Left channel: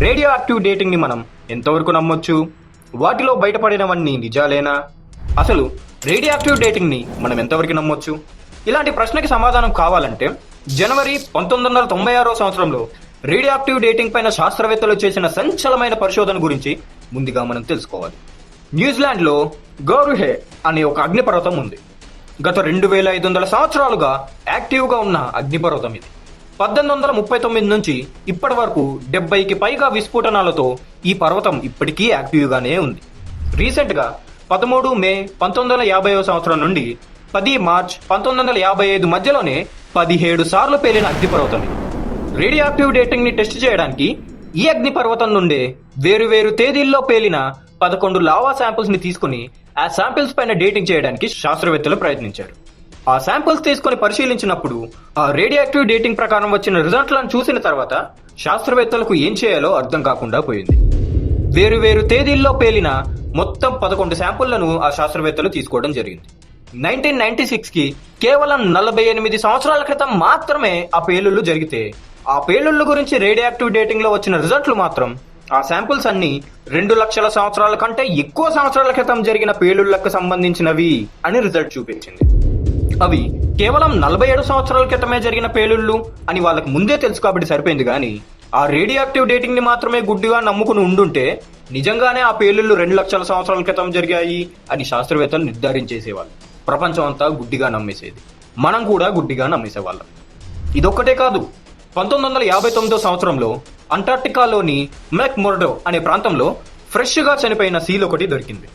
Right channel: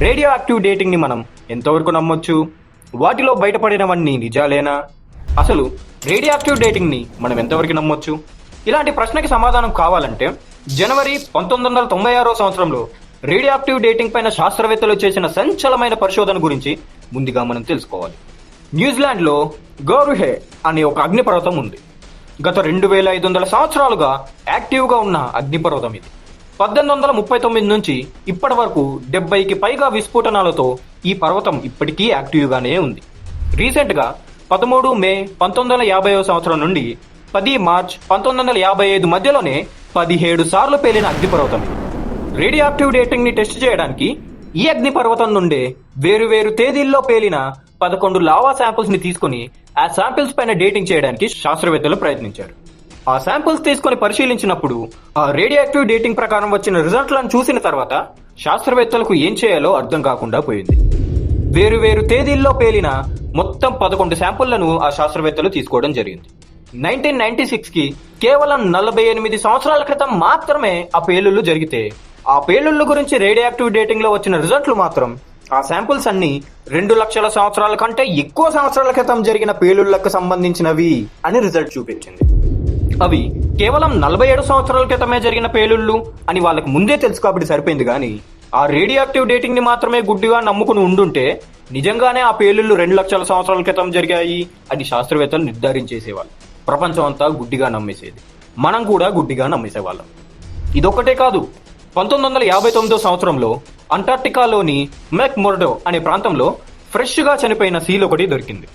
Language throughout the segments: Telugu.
రేడియో యాక్టివ్ డేటింగ్ని మనం ఎంతవరకు నమ్మొచ్చు? వాటిలో బయటపడినవన్నీ నిజాలేనా? అసలు రేడియో యాక్టివ్ డేటింగ్ని మనం ఎంతవరకు నమ్మొచ్చు? ఇలాంటి ప్రశ్నకి సమాధానం కావాలంటే జనవరి పంతొమ్మిది వందల తొంభై ఆరో సంవత్సరంలో రేడియో యాక్టివ్ డేటింగ్ పైన శాస్త్రవేత్తలు చేసిన సంచలమైన పరిశోధన గురించి ముందుగా మనం తెలుసుకోవాలి. న్యూజిలాండ్లో గౌరుహే అనే ఒక అగ్నిపర్వతం ఉంది. గత రెండు వేల ఐదు వందల సంవత్సరాలుగా యాక్టివ్గా ఉన్న అగ్నిపర్వతం ఇది. పద్దెనిమిది వందల ముప్పై తొమ్మిది నుంచి ఇప్పటి వరకు డెబ్బైకి పైగా విస్ఫోటనాలతో ఈ పర్వతం ఇప్పటికీ యాక్టివ్గానే ఉంది రీసెంట్గా పదమూడు మే పంతొమ్మిది వందల యాభై సంవత్సరం నుండి పది మార్చ్ పంతొమ్మిది వందల యాభై ఐదు మధ్యలోనే పదిహేడు సార్లు పేలిన అగ్నిపర్వతం ఇది. రేడియో యాక్టివ్ డేటింగ్ని టెస్ట్ చేయడానికి ఈ అగ్ని పర్వతం నుండి వేరు వేరు తేదీల్లో పేలిన పదకొండు లావా శాంపిల్స్ని తీసుకుని ఆ శాంపిల్స్ పైన డేటింగ్ చేయడానికి శాస్త్రవేత్తలు ప్రయత్నించారు ఆ శాంపుల్స్ తీసుకుని పరిశీలించినప్పుడు ఆ రేడియాక్టివ్ డేటింగ్ ప్రకారం వచ్చిన రిజల్ట్లను చూసిన తర్వాత శాస్త్రవేత్తలకు ఏం చేయాలో అర్థం కాకుండా పోయింది. వేరు వేరు తేదీల్లో పేలిన మొత్తం పదకొండు శాంపుళ్ళను ఆ శాస్త్రవేత్తలు తీసుకోవడం జరిగింది. నైన్టీన్ నైన్టీ సిక్స్కి కేవలం నలభై ఎనిమిది సంవత్సరాల క్రితం మాత్రమే ఆ పేలుళ్ళు జరిగితే ఆ పేలుళ్ళ గురించి రేడియాక్టివ్ డేటింగ్లో వచ్చిన రిజల్ట్లు మాత్రం ఆ శాంపుల్స్ అన్ని రెండు లక్షల సంవత్సరాల కంటే ఎక్కువ సంవత్సరాల క్రితం జరిగిన పేలుళ్ళకు సంబంధించినవి అని రిజల్ట్ చూపించింది. అవి కేవలం నలభై ఏడు సంవత్సరాల క్రితమే జరిగిన పేలుళ్ళు అని వాళ్ళకు ముందే తెలుసు కాబట్టి సరిపోయింది కానీ ఆ రేడియాక్టివ్ డేటింగ్ని మాత్రమే గుడ్డిగా నమ్ముకుని ఉండుంటే నిజంగానే ఆ పేలుళ్ళు రెండు లక్షల సంవత్సరాల క్రితం జరిగాయి అని శాస్త్రవేత్తలు నిర్ధారించేసేవాళ్ళు. ప్రపంచం అంతా గుడ్డిగా నమ్మేసేది. మనం కూడా గుడ్డిగా నమ్మేసేవాళ్ళం. ఇదొక్కటే కాదు. పంతొమ్మిది వందల యాభై తొమ్మిదో సంవత్సరంలో అంటార్టికాలోని మెక్ మొర్డో అనే ప్రాంతంలో ఫ్రెష్గా చనిపోయిన సీల్ ఒకటి దొరికింది.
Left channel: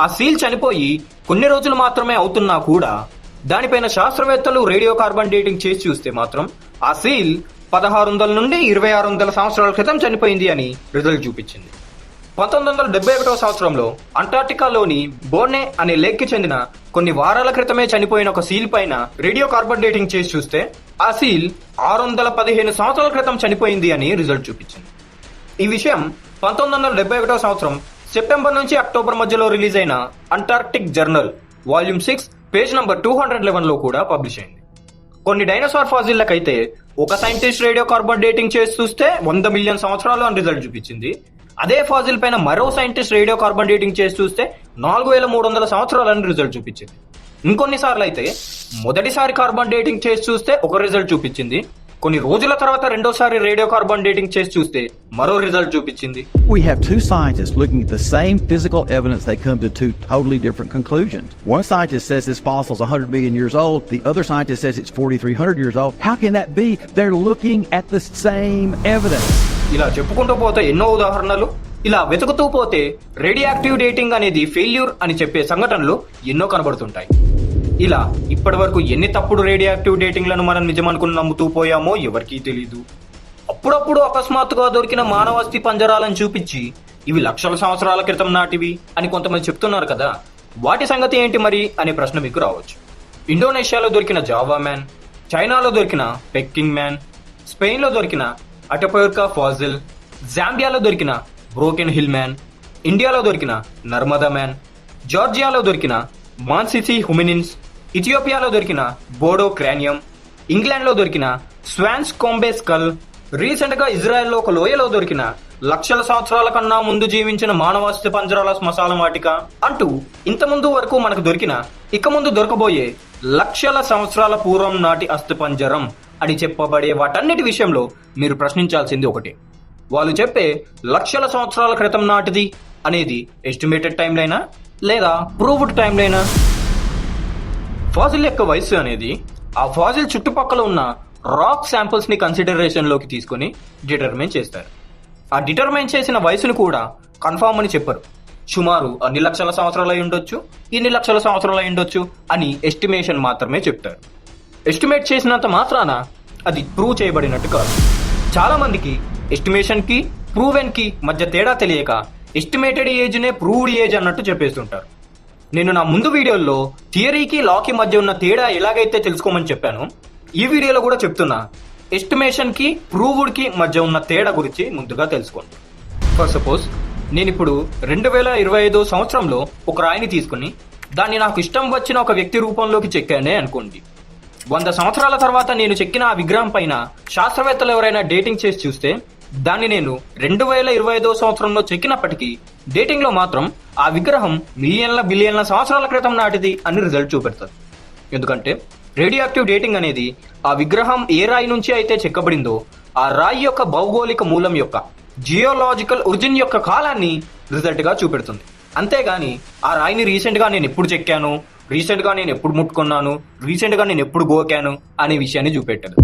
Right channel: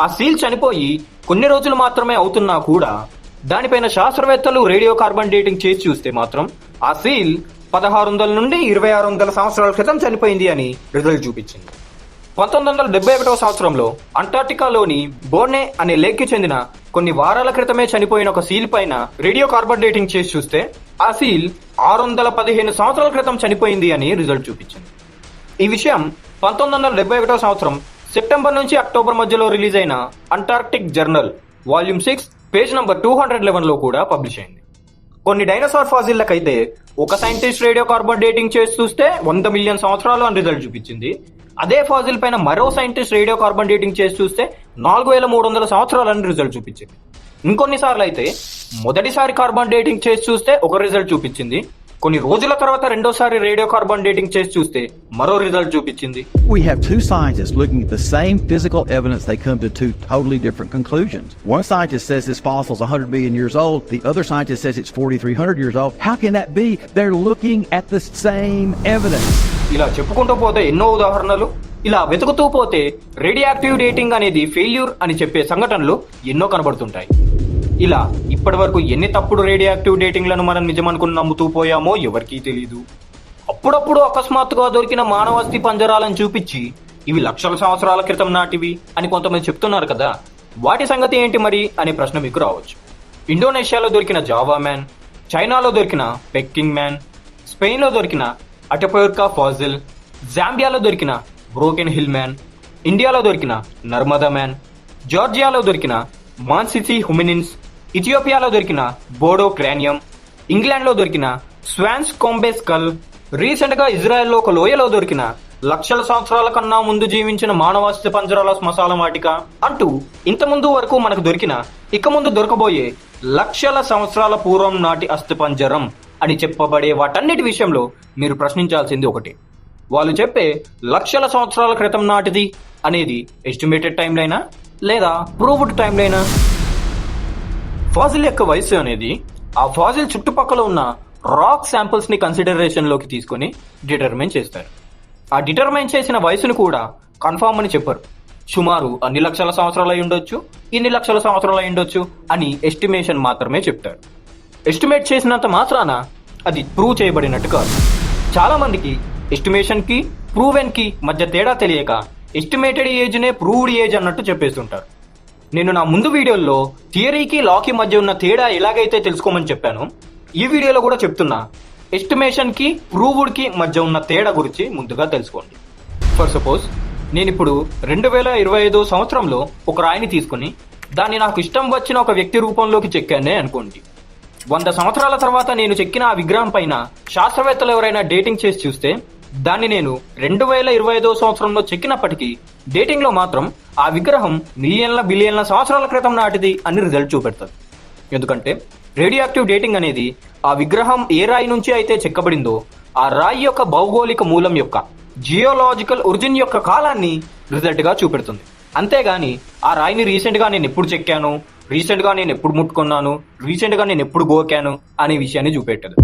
ఆ సీల్ చనిపోయి కొన్ని రోజులు మాత్రమే అవుతున్నా కూడా దానిపైన శాస్త్రవేత్తలు రేడియో కార్బన్ డేటింగ్ చేసి చూస్తే మాత్రం ఆ సీల్ పదహారు వందల నుండి ఇరవై ఆరు వందల సంవత్సరాల క్రితం చనిపోయింది అని రిజల్ట్ చూపించింది. పంతొమ్మిది వందల డెబ్బై ఒకటో సంవత్సరంలో అంటార్టికాలోని బోర్నే అనే లేక్కి చెందిన కొన్ని వారాల క్రితమే చనిపోయిన ఒక సీల్ పైన రేడియో కార్బన్ డేటింగ్ చేసి చూస్తే ఆ సీల్ ఆరు వందల పదిహేను సంవత్సరాల క్రితం చనిపోయింది అని రిజల్ట్ చూపించింది. ఈ విషయం పంతొమ్మిది వందల డెబ్బై ఒకటో సంవత్సరం సెప్టెంబర్ నుంచి అక్టోబర్ మధ్యలో రిలీజ్ అయిన Antarctic journal volume six page number two hundred లెవెన్లో కూడా పబ్లిష్ అయింది. కొన్ని డైనోసార్ ఫాజిల్లకైతే ఒక సైంటిస్ట్ రేడియో కార్బన్ డేటింగ్ చేసి చూస్తే వంద మిలియన్ సంవత్సరాలు అని రిజల్ట్ చూపించింది. అదే ఫాజిల్ పైన మరో సైంటిస్ట్ రేడియో కార్బన్ డేటింగ్ చేసి చూస్తే నాలుగు వేల మూడు వందల సంవత్సరాలని రిజల్ట్ చూపించింది. ఇంకొన్నిసార్లు అయితే మొదటిసారి కార్బన్ డేటింగ్ చేసి చూస్తే ఒక రిజల్ట్ చూపించింది. కొన్ని రోజుల తర్వాత రెండోసారి రేడియో కార్బన్ డేటింగ్ చేసి చూస్తే మరో రిజల్ట్ చూపించింది We have two scientists looking at the same physical evidence. They come to two totally different conclusions. One scientist says this fossil is 100 million years old. The other scientist says it's 4,300 years old. How can that be? They're looking at the same evidence. ఇలా చెప్పుకుంటూ పోతే ఎన్నో ఉదాహరణలు ఇలా వెతుకుతూ పోతే రేడియాక్టివ్ డేటింగ్ అనేది ఫెయిల్యూర్ అని చెప్పే సంఘటనలు ఎన్నో కనబడుతుంటాయి ఇలా ఇప్పటి వరకు ఎన్ని తప్పుడు రేడియాక్టివ్ డేటింగ్లను మనం నిజమనుకుని నమ్ముతూ పోయామో ఎవరికీ తెలియదు అప్పుడప్పుడు అకస్మాత్తుగా దొరికిన మానవస్తి పంజరాలను చూపించి ఇవి లక్షల సంవత్సరాల క్రితం నాటివి అని కొంతమంది చెప్తున్నారు కదా వాటి సంగతి ఏంటి మరి అనే ప్రశ్న మీకు రావచ్చు. ఇండోనేషియాలో దొరికిన జావా మ్యాన్ చైనాలో దొరికిన పెక్కింగ్ మ్యాన్ స్పెయిన్లో దొరికిన అటపోర్కా ఫాజిల్ జాంబియాలో దొరికిన బ్రోకెన్ హిల్ మ్యాన్ ఇండియాలో దొరికిన నర్మదా మ్యాన్ జార్జియాలో దొరికిన మాన్సిసి హుమినిన్స్ ఇథియోపియాలో దొరికిన బోడో క్రానియం ఇంగ్లాండ్లో దొరికిన స్వాన్స్ కోంబే స్కల్ రీసెంట్గా ఇజ్రాయెల్లో ఒక లోయలో దొరికిన లక్షల సంవత్సరాల కన్నా ముందు జీవించిన మానవాస్తి పంజరాల శ్మశాల వాటిక. అంటూ ఇంత ముందు వరకు మనకు దొరికిన ఇక ముందు దొరకబోయే లక్షల సంవత్సరాల పూర్వం నాటి అస్థి పంజరం అని చెప్పబడే వాటన్నిటి విషయంలో మీరు ప్రశ్నించాల్సింది ఒకటే. వాళ్ళు చెప్పే లక్షల సంవత్సరాల క్రితం నాటిది అనేది ఎస్టిమేటెడ్ టైం లైనా లేదా ప్రూవ్డ్ టైం లైనా ఫాజిల్ యొక్క వయసు అనేది ఆ ఫాజిల్ చుట్టుపక్కల ఉన్న రాక్ శాంపిల్స్ని కన్సిడరేషన్లోకి తీసుకొని డిటర్మైన్ చేస్తారు. ఆ డిటర్మైన్ చేసిన వయసును కూడా కన్ఫామ్ అని చెప్పారు. సుమారు అన్ని లక్షల సంవత్సరాలు అయి ఉండొచ్చు ఇన్ని లక్షల సంవత్సరాలు అయి ఉండొచ్చు అని ఎస్టిమేషన్ మాత్రమే చెప్తారు. ఎస్టిమేట్ చేసినంత మాత్రాన అది ప్రూవ్ చేయబడినట్టు కాదు. చాలా మందికి ఎస్టిమేషన్కి ప్రూవెన్కి మధ్య తేడా తెలియక ఎస్టిమేటెడ్ ఏజ్ నే ప్రూవ్డ్ ఏజ్ అన్నట్టు చెప్పేస్తుంటారు. నేను నా ముందు వీడియోలో థియరీకి లాకి మధ్య ఉన్న తేడా ఎలాగైతే తెలుసుకోమని చెప్పాను ఈ వీడియోలో కూడా చెప్తున్నా. ఎస్టిమేషన్కి ప్రూవ్డ్కి మధ్య ఉన్న తేడా గురించి ముందుగా తెలుసుకోండి. ఫర్ సపోజ్ నేను ఇప్పుడు రెండు వేల ఇరవై ఐదు సంవత్సరంలో ఒక రాయిని తీసుకుని దాన్ని నాకు ఇష్టం వచ్చిన ఒక వ్యక్తి రూపంలోకి చెక్కానే అనుకోండి. వంద సంవత్సరాల తర్వాత నేను చెక్కిన ఆ విగ్రహం పైన శాస్త్రవేత్తలు ఎవరైనా డేటింగ్ చేసి చూస్తే దాన్ని నేను రెండు వేల ఇరవై ఐదవ సంవత్సరంలో చెక్కినప్పటికీ డేటింగ్లో మాత్రం ఆ విగ్రహం మిలియన్ల బిలియన్ల సంవత్సరాల క్రితం నాటిది అని రిజల్ట్ చూపెడతారు ఎందుకంటే రేడియో యాక్టివ్ డేటింగ్ అనేది ఆ విగ్రహం ఏ రాయి నుంచి అయితే చెక్కబడిందో ఆ రాయి యొక్క భౌగోళిక మూలం యొక్క జియోలాజికల్ ఒరిజిన్ యొక్క కాలాన్ని రిజల్ట్గా చూపెడుతుంది. అంతేగాని ఆ రాయిని రీసెంట్గా నేను ఎప్పుడు చెక్కాను? రీసెంట్గా నేను ఎప్పుడు ముట్టుకున్నాను? రీసెంట్గా నేను ఎప్పుడు గోకాను? అనే విషయాన్ని చూపెట్టదు.